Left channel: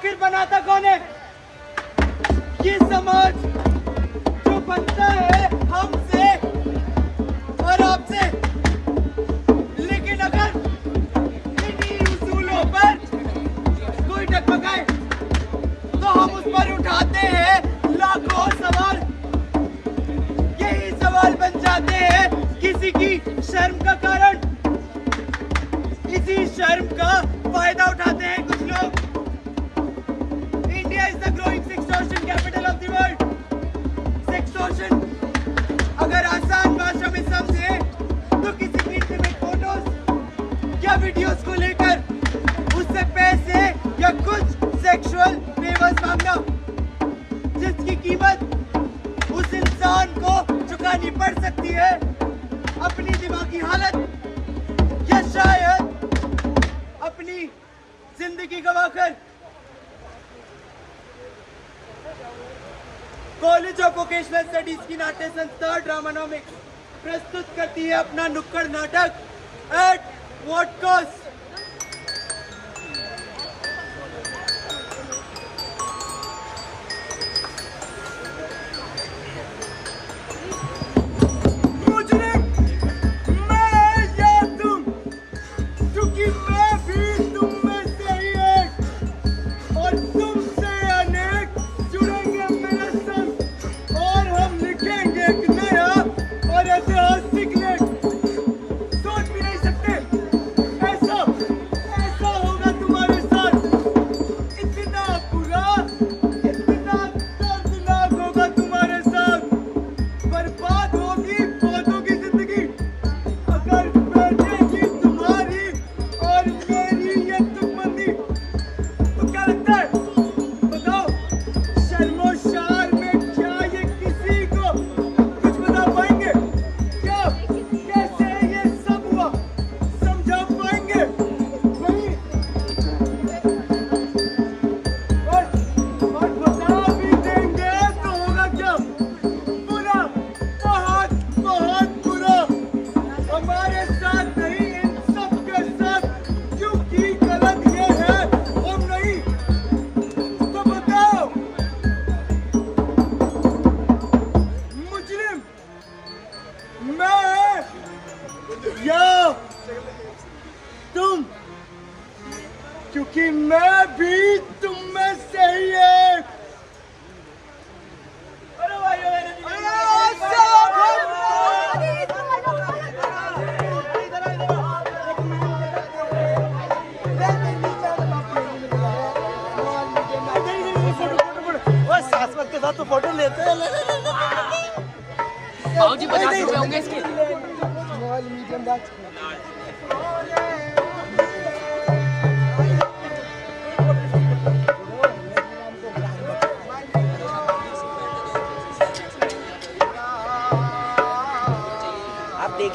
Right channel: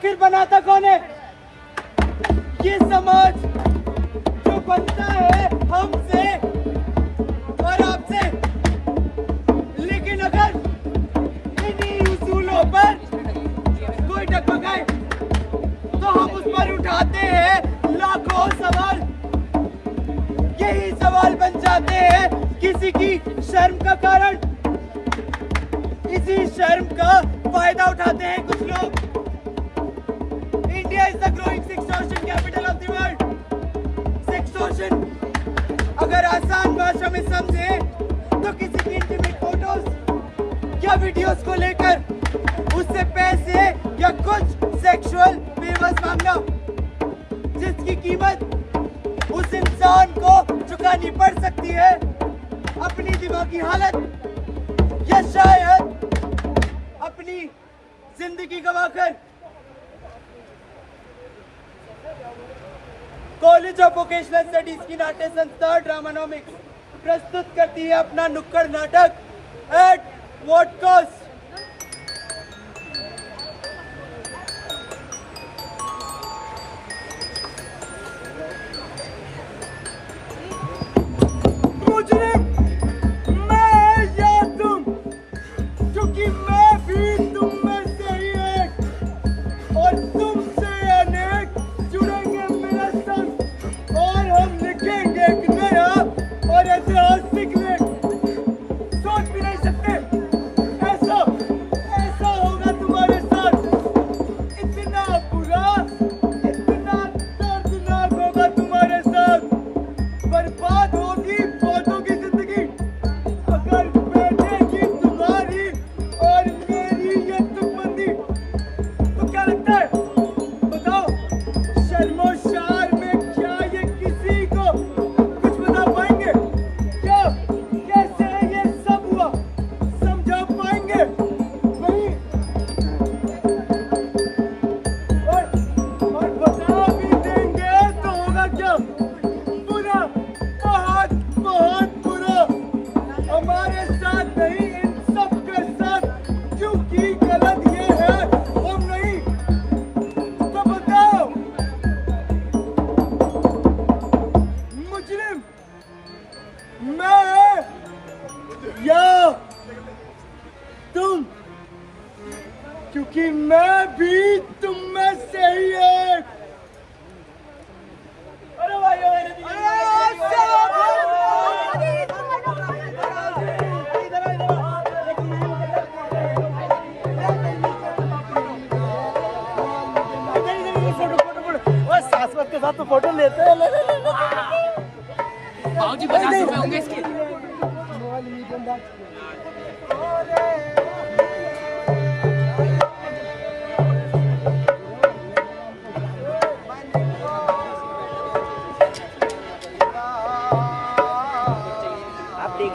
आखिर बनाता कौन है? ये समाज जो बनता है हमसे और आपसे। लेकिन अगर इन्हीं उसूलों पर कोई डगमगाए तो हम उस पर उठाते हैं लाखों सवाल। यही सवाल बन जाते हैं किसी की शर्म का कारण। इसी शर्म का फायदा उठाते हैं कुछ लोग। India is the growing sextortion capital of the world. Sextortion अगर आसान भाषा में समझे तो किसी की इंटीमेट फोटोज या वीडियोस को लेकर उससे पैसे या कुछ सेक्सुअल फेवर्स मांगना, जिसकी कीमत उस इंसान को चुकानी पड़ सकती है अपनी दिमागी हालत या शायद अपनी जिंदगी गवाकर। कॉलेज ऑफ वोकेशनल स्टडीज की नाट्य संस्था ड्रामानॉमिक्स प्रस्तुत करती है अपना नुक्कड़ नाटक एट व्हाट कॉस्ट। क्योंकि मैं भी तुम में से ही एक। अरे सासमत के साथ तो फोटो लेते हैं। जी 50 रुपए होंगे इसके।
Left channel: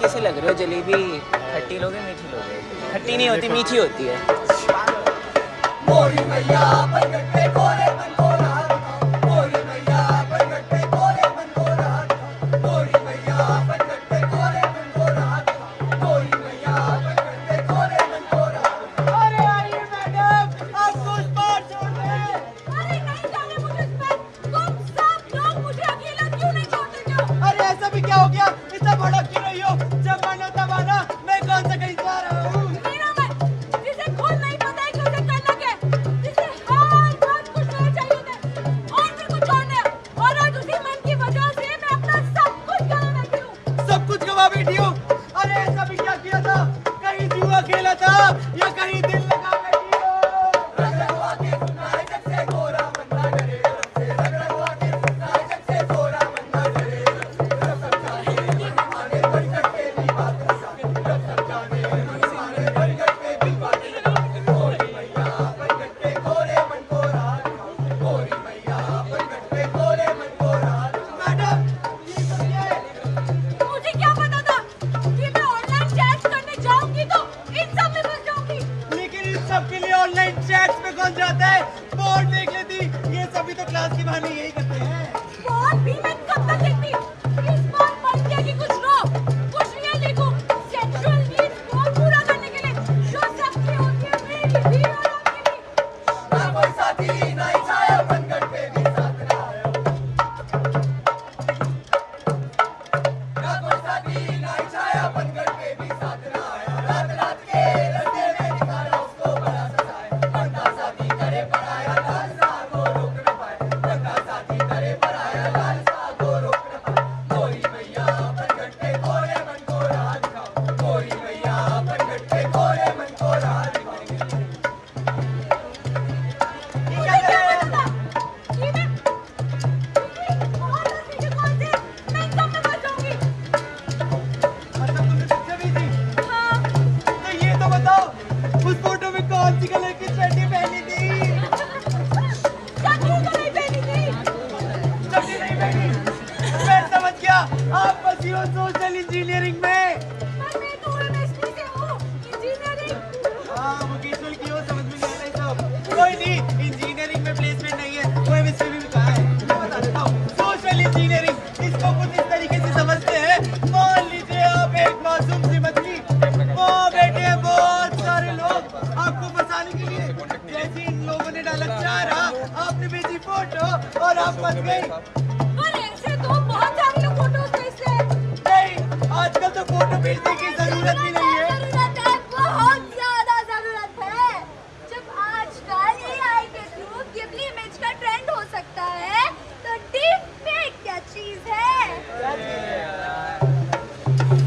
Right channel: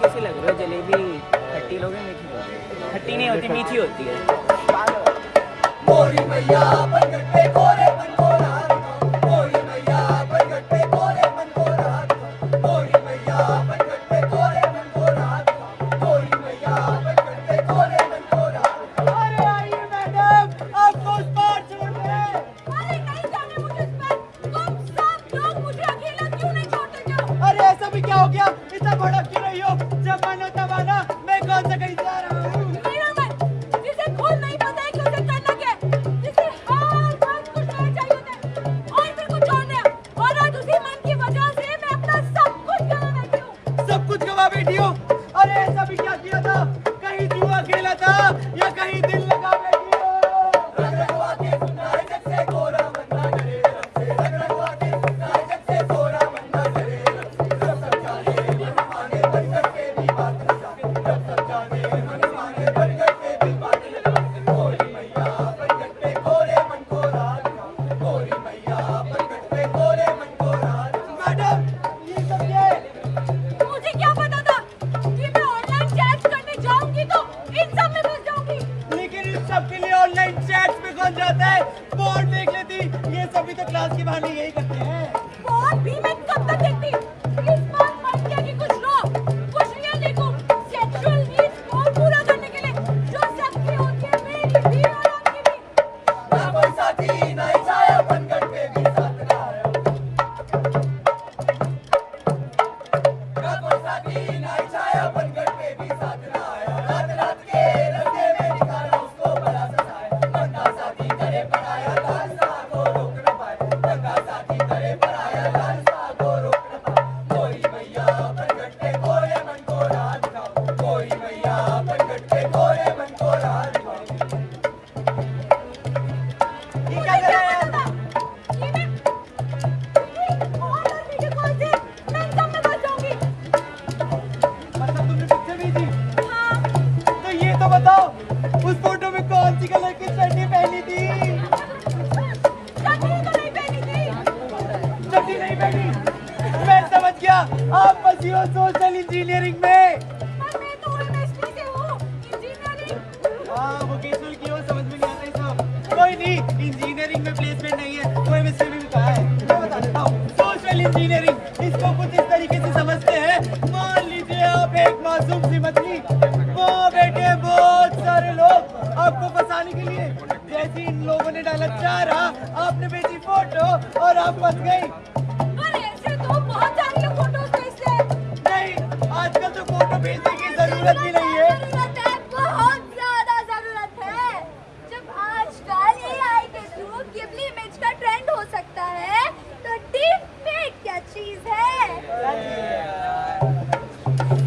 कैसे लग रहे हो? जलेबी खट्टी लोगे मीठी लोगे? खट्टी नहीं होती, मीठी होती है। मोरी मैया बनगट पे कोरे मन को रात, मोरी मैया बनगट पे कोरे मन को रात, मोरी मैया बनगट पे कोरे मन को रात, मोरी मैया बनगट पे कोरे मन को रात। अरे आइए मैडम, आपको उस पार छोड़ दें। अरे नहीं जाने मुझे उस पार। तुम सब लोग मुझे अकेला क्यों नहीं छोड़ते जाओ? अरे ऐसा भी क्या हो गया? इतना भड़क क्यों रही हो? जब मानो तब आना, मैं कौन सा कहीं जा रहा हूँ? मेरा मन जिसे खुद नहीं पता है कि उसे करना क्या है, जिसे हर वक्त कुछ नहीं चाहिए होता और फिर कुछ और नहीं, और आज उसी मन की वजह से मैं अपना सब कुछ गवा बैठी हूँ। सब कुछ गवा बैठी हो? अरे ऐसा भी क्या किया था? कहीं जुआ खेला था या कहीं दिल लगा बैठी हो? रग रगवा के सुनाए जब से गोरा मन ना डरे, रग रगवा के सुनाए जब से गोरा मन ना डरे, जब तक जाने मन माने बनगट पे भी बात लगा, जब तक जाने मन माने बनगट पे भी बात लगा। मोरी मैया बनगट पे कोरे मन को रात, मोरी मैया बनगट पे कोरे मन को रात। मैडम ये सब क्या है? मुझे क्या पता था कि मैं ऑनलाइन चैट करने जाऊंगी तो इन सब में फंस जाऊंगी। लेकिन इन सब के लिए ऑनलाइन चैट्स में कौन जाता है? बोर्ड देख लेती। ये सभी तो क्लास के बहाने यही करते हैं। बहुत भी मैं कब तक देखती? इस बार बन गया कि कुछ लो, कुछ रियल देखो। सेक्सुअल नीड्स को पूरा करने के लिए जो सबकी होती है, मेरी भी और आपकी भी। कोई साथी ना ही छाया बनगढ़ पे भी साथ ना आया, ना कोई साथी ना ही छाया बनगढ़ पे भी साथ ना आया। रात रात के रस्ते में निकाला उसको बड़ा सताया, बंदा साथी करे पर आया लालसा को रोक न पाए, बंदा साथी करे पर आया लालसा को रोक न पाए। गोरी मैया बनगढ़ पे गोरे मन को राह दिखाओ, गोरी मैया बनगढ़ पे गोरे मन को राह दिखाओ। मुझे क्या पता था? ये मैं और वीडियो कॉल से मैं इनकम में बैठ जाऊंगी। मतलब तुमने पिक्चर भेजी? हाँ, तो ये तो बताओ उस फोटो में कौन सी कलर की शर्ट पहनी थी? चटनी तो नहीं पहनी थी। चड्डी नहीं पहनी? मैं समझ गया, आप फंसी हो सोशल इंजीनियरिंग में। पर मैं तो एमएसटी से हूँ, इंजीनियरिंग। हाँ वोकेशनल की हो, समझ में नहीं आता ये सब। कोई नहीं, इंजीनियरिंग में प्लेसमेंट नहीं है, कोई मिस्त्री भी कहा है। मैं बता देता हूँ, सोशल इंजीनियरिंग इसको कुछ इस तरीके से समझते हैं। मान लीजिए आप एक मासूम सी मछली, वहाँ बैठे हैं बहुत सारे लोग आपको फंसाने के लिए। जैसे इन लोगों ने डाला चारा, आपने भेजी फोटो और आप फंस गई। पर ऐसे तो बहुत सारे लोग फोटोज भेजते हैं। नहीं, आजकल तो फोटो भेजने की जरूरत भी नहीं है। जरूरत है, बहुत ज्यादा जरूरत है। जब आजकल एआई के थ्रू गिबली इमेज का ट्रेंड हो सकता है, तो डीप फेक क्या चीज है?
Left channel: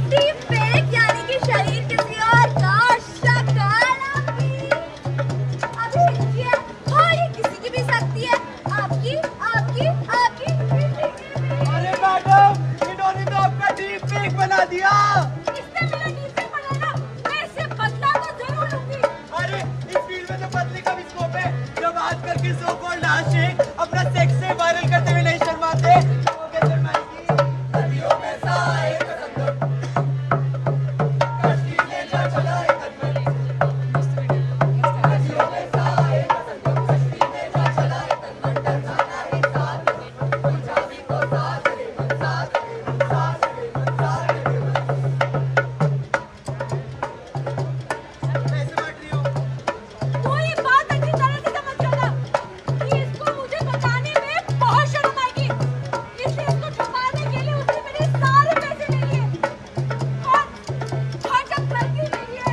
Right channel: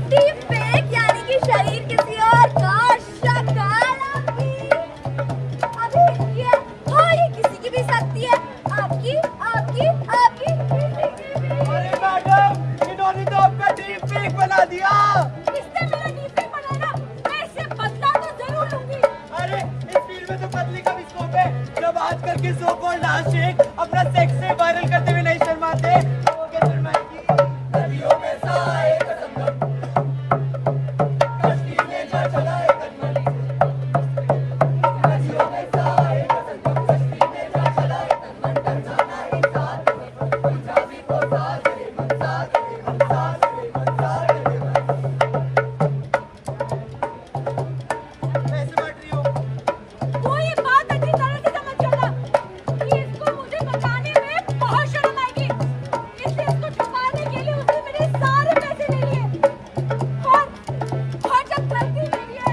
डीप फेक यानी कि शरीर किसी और का शक्ल आपकी अभी ये हाँ ये किसी की भी सकती है, आपकी आपकी आपकी। अरे मैडम, इन्होंने तो आपका डीप फेक बना दिया। इससे मेरा डीप फेक बनाना, मैं इससे बदला तो जरूर लूंगी। अरे इस फील्ड में तो बदले का भी स्कोप है। जब आजकल की सो कॉल्ड आशिक अपना सेक्स से वायरल करते हुए नहीं शर्माते, तो वो क्या शर्माएगी? नदियों में सा एक संगम, कश्ती ले जा चला एक अजनबी से। नदियों में सा एक संगम, कश्ती ले जा चला एक अजनबी। डरना नहीं साथ में, पंजाबी को साथ रे मन, साथ रे मन, साथ रे मन, साथ रे मन। कैसे बांट रही हो? वो ये बात अच्छी तरह से समझ जाना कि इसको मुझे बताने में बहुत शर्म आएगी, इसलिए इसको छुपाने के लिए उसने मेरे सारे पैसे ले लिए। और जब लड़की के लिए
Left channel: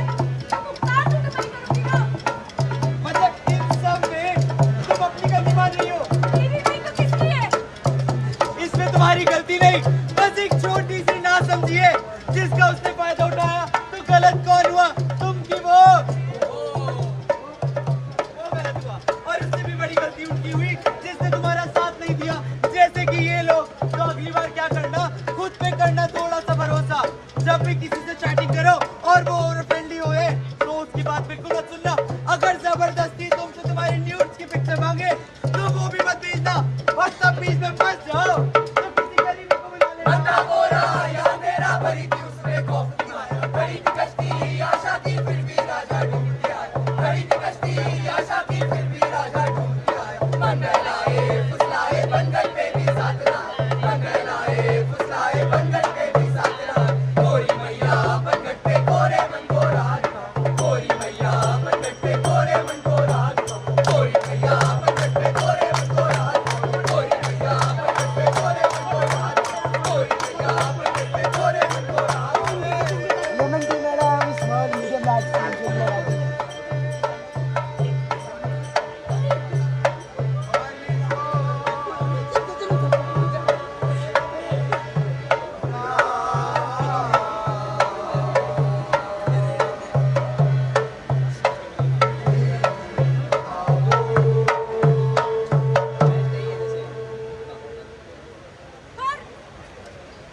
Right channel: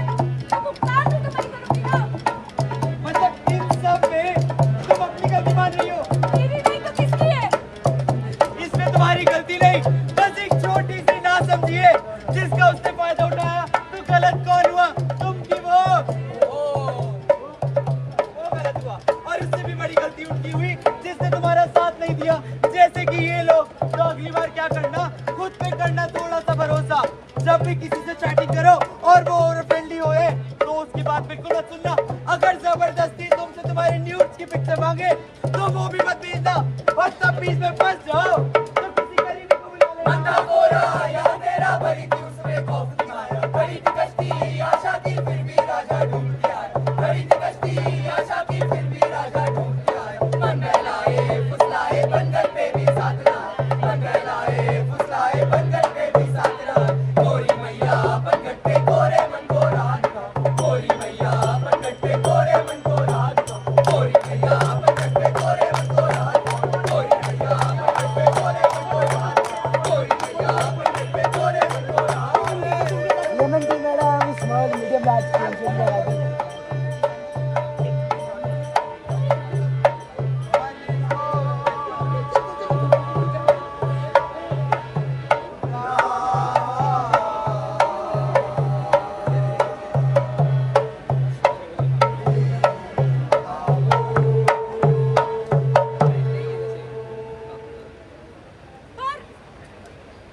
तो भुगतान भी तुम्हारी गलती हो। मतलब इन सब में तुम अपनी गलती मान रही हो? मेरी नहीं तो किसकी है? इसमें तुम्हारी गलती नहीं, बस एक छोटी सी ना समझिए जिसका उसने फायदा उठाया। तो गलत कौन हुआ, तुम की वो गलत हुआ। और उससे भी बड़ी गलती उनकी हुई जिसने तुम्हारा साथ नहीं दिया। जैसे कि ये लोग, तो अगली बार क्या करना, खुद पे करना थोड़ा सा भरोसा। जब भी किसी से चैटिंग करो और वो ओवर फ्रेंडली होए, तो उसकी बात बिल्कुल मत सुनना। अगर जबरदस्ती तुमसे तुम्हारे न्यूड्स की पिक्चर मांगे तो वो भी मत भेजना। और तब बीच में फंस जाओ तो किसी गरीबी को बुला लेना। बंदा गोरा या तेरा भरी थी उसमें खौफ की माया, भरी थी कश्ती आशा की फिर भी राजा ढूंढ आया, भरी थी कश्ती आशा की फिर भी राजा ढूंढ आया। मंडलाए फुसलाए बंदर पे भी साथ ना, मंडलाए फुसलाए बंदर पे भी साथ ना। गोरी मैया बनगढ़ पे गोरे मन को राह दिखाओ, गोरी मैया बनगढ़ पे गोरे मन को राह दिखाओ, गोरी मैया बनगढ़ पे गोरे मन को राह दिखाओ, गोरी मैया बनगढ़ पे गोरे मन को राह दिखाओ, गोरी मैया बनगढ़ पे गोरे मन को राह पर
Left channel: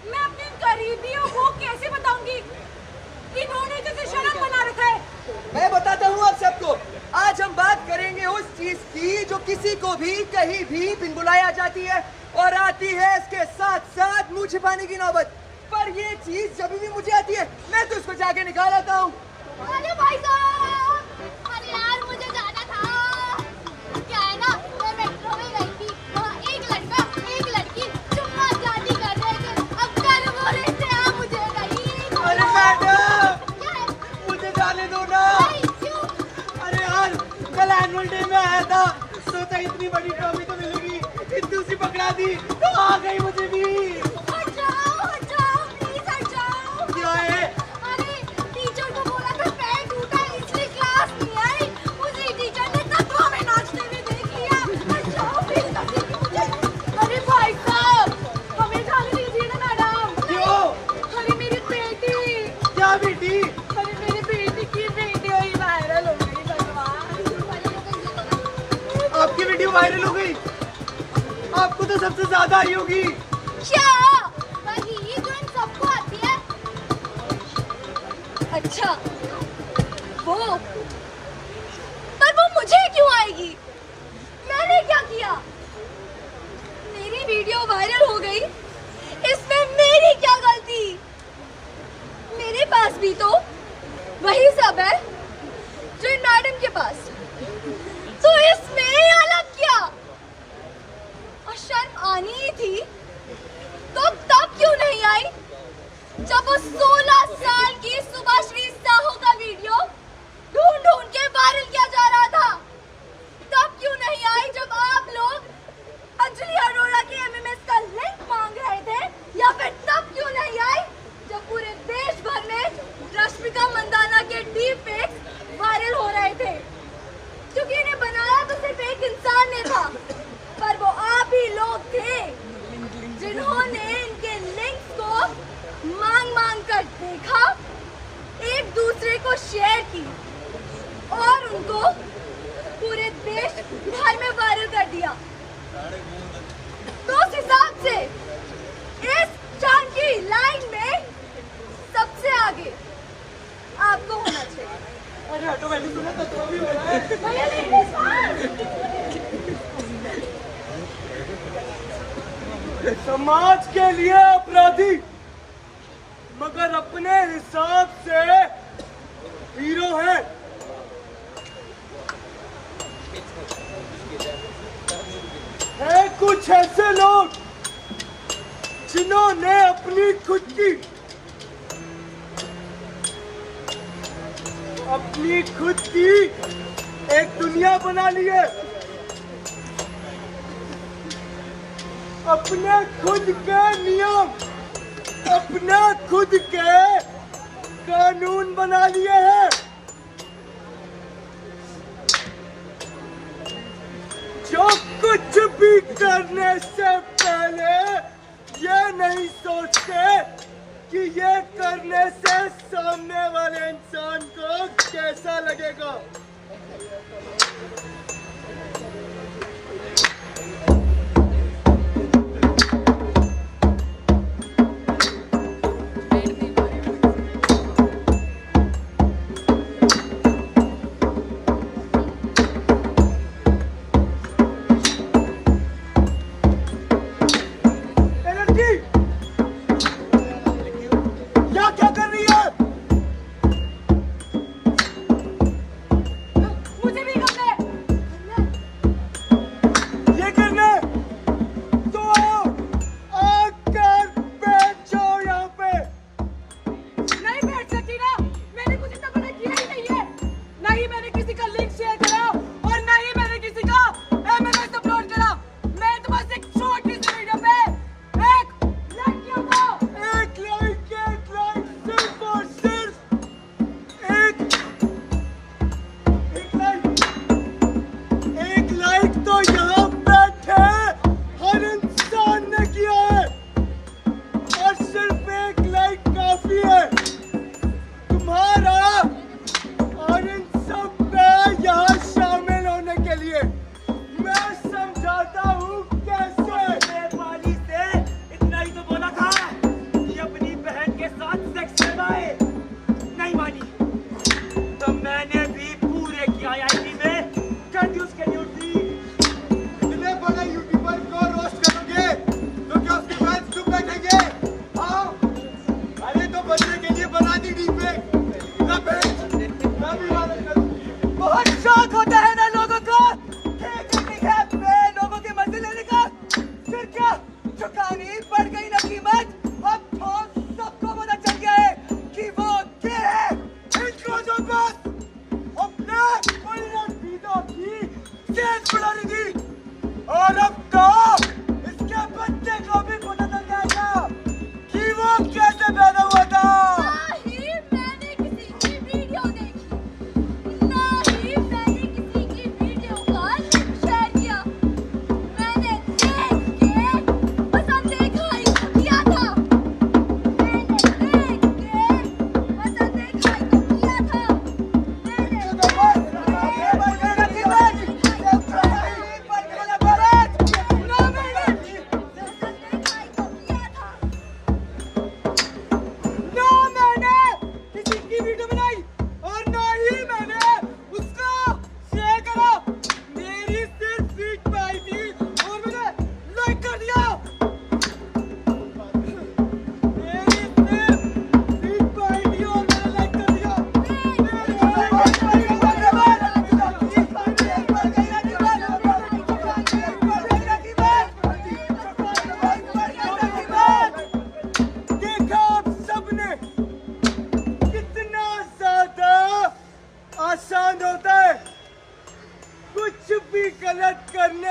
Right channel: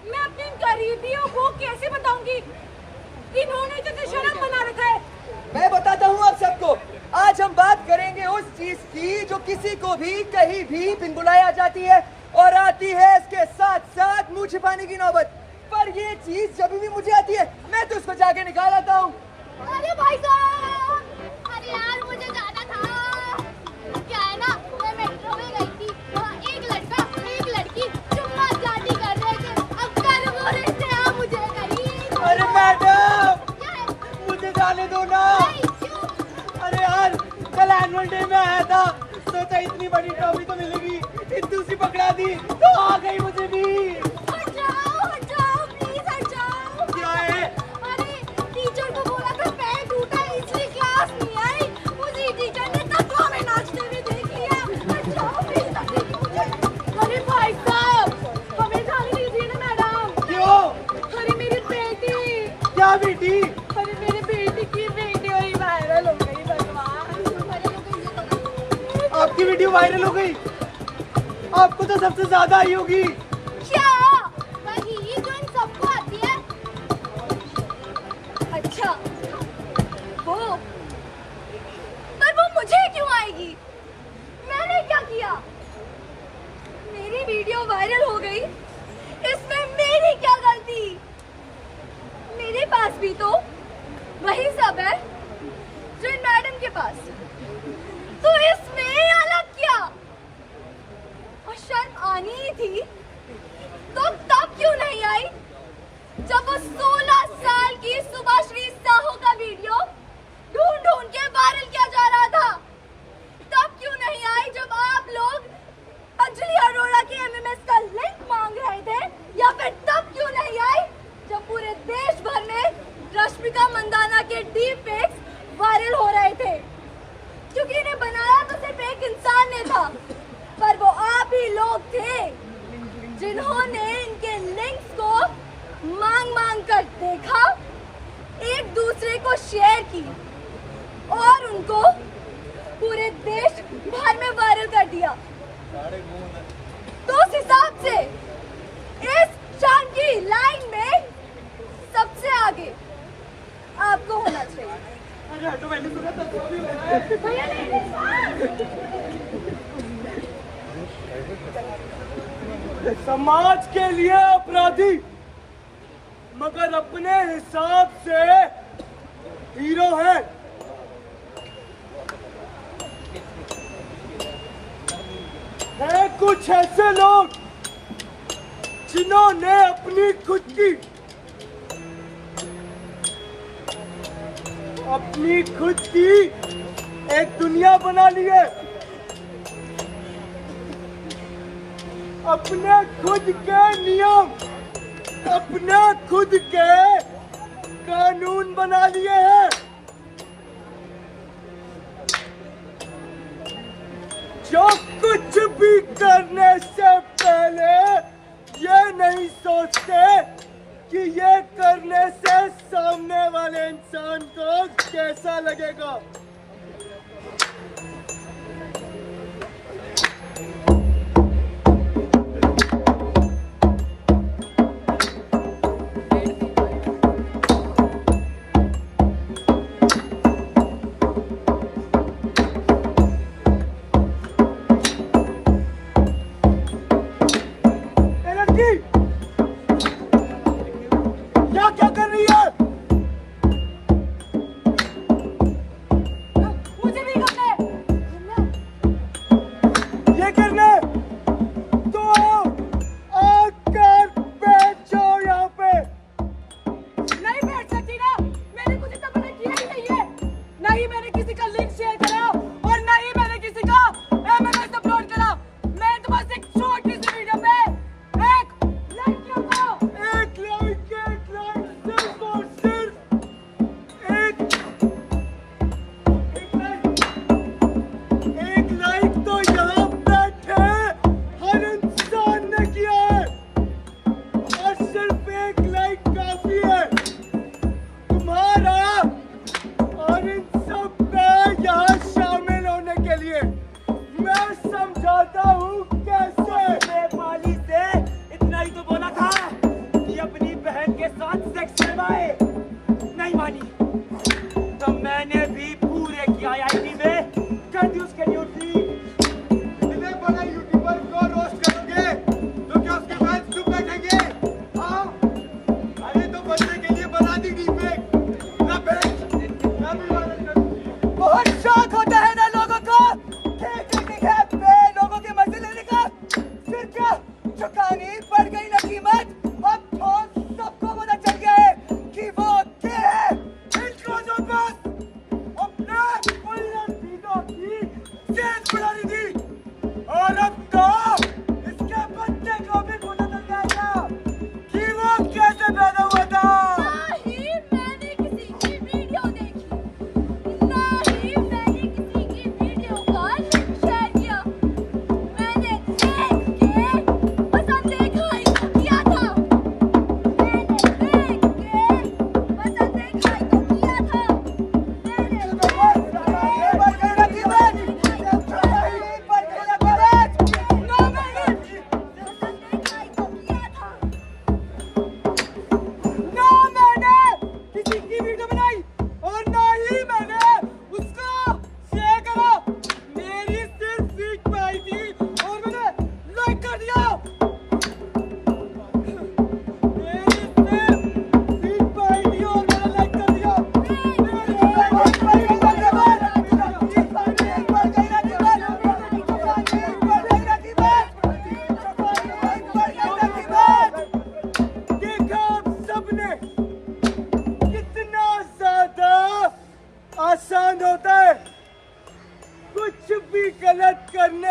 मैं अपने गरीबियों को कैसे बताऊंगी? इन्होंने जैसे शर्म बना रखा है। मैं बताता हूँ आप सबको। आज हम बात करेंगे उस चीज की जो किसी को भी कहीं भी बिन बुलाए आ जाती है और आती है इसके साथ साथ मुंह छिपाने की नौबत। पर ये चीज जब भी मुझे आती है मैं तो उसको जाके निकाल आता हूँ। अरे भाई साहब, अरे यार मुझे जाना था। क्या है ना, मैं मेट्रो में गई थी, वहाँ एक लड़का एक लड़की चुम्मा चाटी कर रहे थे। अब कर वो रहे थे, आप मुझे नहीं। अरे मैडम, मुझे जाने दो ना। क्यों? अरे यार, कल एनुअल डे में आया था बड़ी ट्रॉफी तो मिलेगी। इतनी सी पकड़ा दी तो आ गई मुझे भी। हट जाओ प्लीज हट जाओ। क्या है? अरे टीचर को बोला था पैर टूटा इसलिए क्लास नहीं आई। मुझे टीचर ने तब हमें नाचते हुए देख लिया। हट जाओ प्लीज। अरे भाई साहब हमें जाने दीजिए ना मैडम। क्यों? अरे मेरी बेटी। क्या बेटी? अरे मेरी बेटी की वीडियो ही वायरल हो गई भगवान। आपकी वीडियो वायरल हो गई? आपको तो सबसे ज्यादा आई होगी। क्या? वही जो इन सबको आती है। अच्छा वो पर वो मुझे क्यों आएगी? मैंने क्या किया? मेरी वीडियो वायरल हो गई इसमें मेरी क्या गलती? मेरे पास भी तो वही सब है जो इन मैडम के पास। तो इसमें अलग क्या? और शर्म आनी ही थी तो तब क्यों नहीं आई जब वो 16 साल की सुभाश्री साहू का वीडियो ढूंढ ढूंढ के वायरल किया जा रहा था? तब क्यों नहीं आई जब आप लोग अंजलि अरोड़ा के एमएमएस का लिंक मांग रहे थे? या फिर तब क्यों नहीं आई जब पूरे देश भर में रश्मिका मंदाना के डीप फेक्स वायरल हो रहे थे? क्योंकि इन्हें बनाया तो सिर्फ एक इंसान ने था, पर वो आप ही लोग थे जिन्होंने इनके लिंक्स को मांग कर देखा, एक दूसरे को शेयर की और उनको पूरे देश भर में वायरल कर दिया। तो उस हिसाब से इस चांद की लाइन में सबसे आगे आपको होना चाहिए। अरे हटो, मैंने सुना था ट्रॉफी हो रहा है। भैया लेडीज समाज के लिए अपराधी मगर अपने हिसाब से हीरो है। कुछ ऐसे लोग जिन्होंने अपनी खुद की एक दुनिया बना ली है। अपने खुद के नियम, अपने खुद के कानून बना लिए हैं। जो कुछ भी करने से पहले ये नहीं सोचते कि ये करने से सामने वाले इंसान को कैसा लगेगा।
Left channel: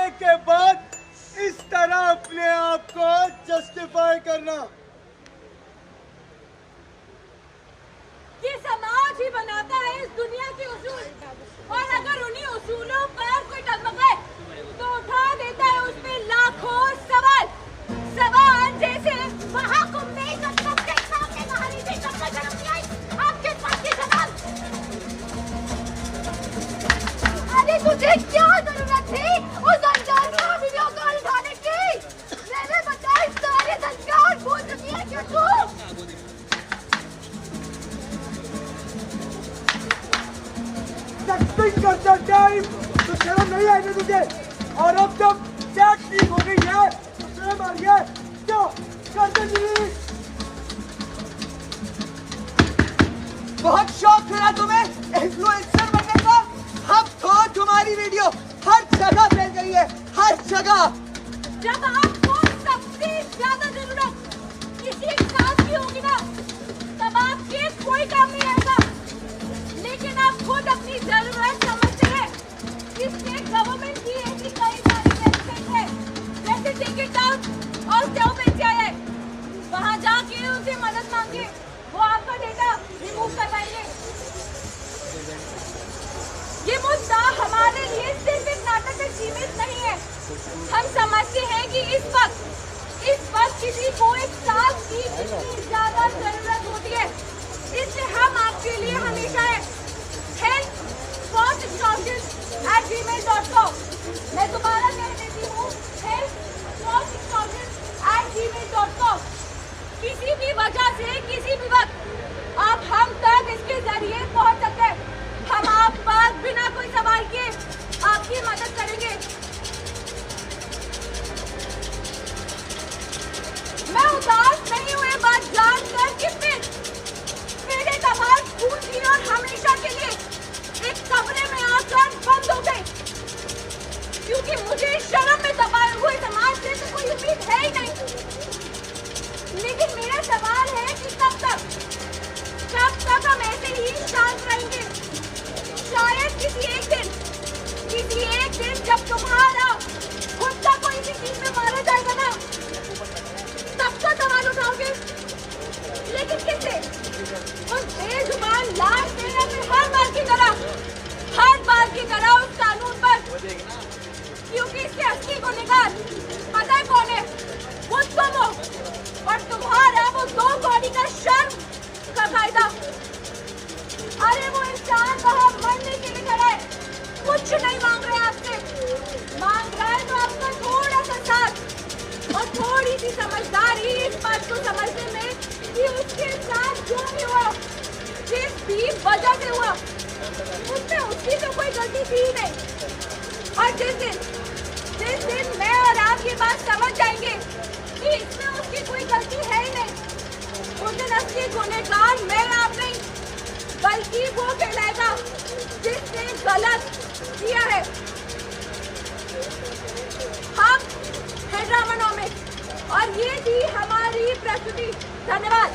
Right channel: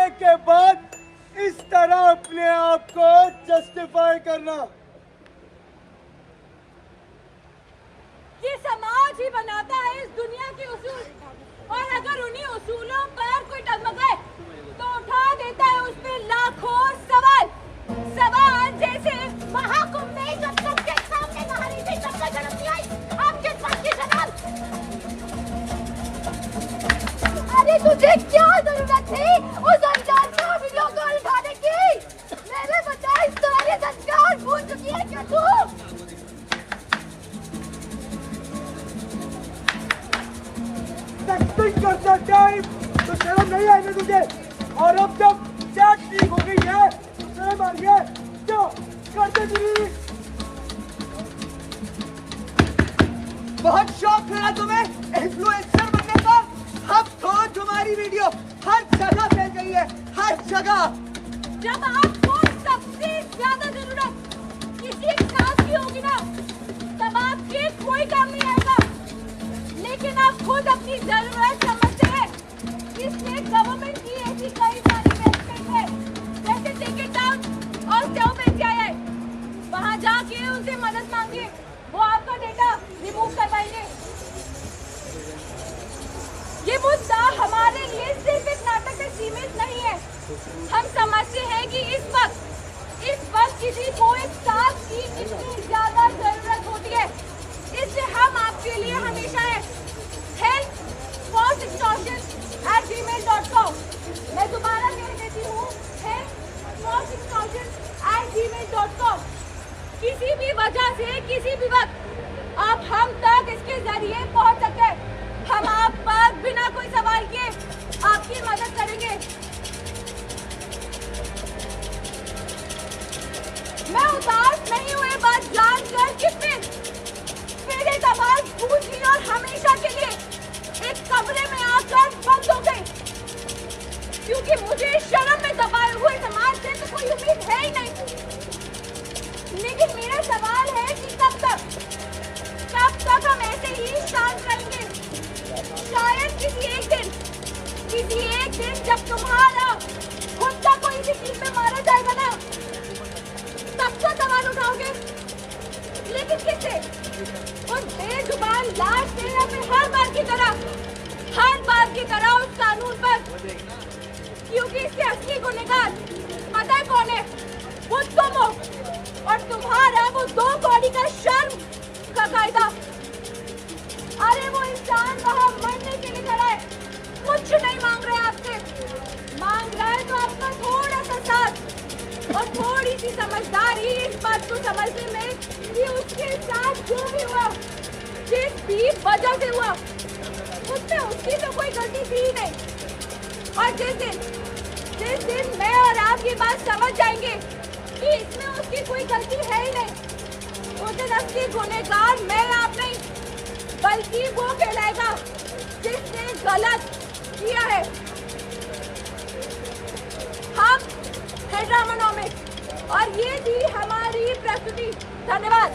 करने के बाद इस तरह अपने आप को जस्टिफाई करना। ये समाज ही बनाता है इस दुनिया के उसूल, और अगर उन्हीं उसूलों पर कोई डगमगाए तो उठा देता है उस पे लाखों सवाल। सवाल जैसे महाकुंभ में जब सबके सामने कहानी से सबको जन्म दिया, आपके पास की सवाल। अरे तुझे क्या जरूरत थी उस अंजार का वीडियो कॉल उठाने की? मैंने बताया सारे संस्कार भूल चुकी है क्या तू? एक्टिंग करता टाइम तो शर्म नहीं आएगी तुझे, और अब जब चैट ठीक हो गई है तो शर्म आ गया। क्या करते डिलीट? बहुत शौक है ना तुम्हें इन्फ्लुएंसर बनने का? अब तो तुम्हारी वीडियो हर जगह फैल गई है, हर जगह। जब आपको सबसे ज्यादा जरूरत किसी काम की होगी ना, तब आपके कोई काम नहीं आएगा। लेकिन आप खुद अपनी जरूरत समझते हैं, इसलिए गवर्नमेंट की ऐसी कई सारी वेबसाइट है, जैसे टेक इट डाउन और सेव पंचायत है। वहाँ जाके उनसे मदद मांगिए, वो आपका डेटा रिमूव करवाएंगे। ये मुद्दा हमारे लिए सिर्फ एक नाटक में सीमित नहीं है। हम समझते हैं कि इस वक्त किसी को एक साथ की कितनी ज्यादा जरूरत होती है, इसलिए हम आपके लिए हमेशा है। help@gmail.com। मैं दोबारा कह देती हूँ, help@gmail.com। किसी भी वजह से किसी भी वक्त आप हम तक इसके जरिए पहुँच सकते हैं। हम आप पर बिना कोई सवाल किए आपकी मदद करेंगे। मैं उदास नहीं हुए बात जानकर कि फिर एक आवाज गूंजी और हमेशा के लिए एक कमरे में आकर बंद हो गई, क्योंकि मुझे शर्म में दबाए हुए समाज से तो कोई उम्मीद है ही नहीं। लेकिन मेरा सवाल है कि कब तक हम ऐसे ही शांत रहेंगे? शायद किसी एक दिन जब तुम्हारा खुद का कोई भी चीज में मारा जाएगा ना, तब तो सवाल उठाओगे। लेकिन किससे? उन बेजुबान लाश से या फिर हर बार की तरह उस कानून पर? क्योंकि इससे असली गुनहगार पता है कौन है? वो तुम हो, और तुम्हारा वो 2 कौड़ी का शर्म का कायदा। अरे वो इंसान वहाँ मरने के लिए खड़ा है, कुछ नहीं मांग रहे आपसे। मांग रहा है तो आपका थोड़ा सा साथ और थोड़ी सी समझदारी इस बात को समझने में कि उसके साथ जो भी हुआ, जिस भी वजह से हुआ, उसमें उसकी तो कोई गलती थी ही नहीं। और जिस दिन मैं और आप ये बात समझ जाएंगे कि इसमें उसकी कोई गलती है ही नहीं, उस दिन असली गुनहगार मैं आप नहीं, बल्कि वो कहलाएगा जिसने गलत किया है। हम है ड्रामानॉमिक्स और ये थी हमारी प्रस्तुति। धन्यवाद।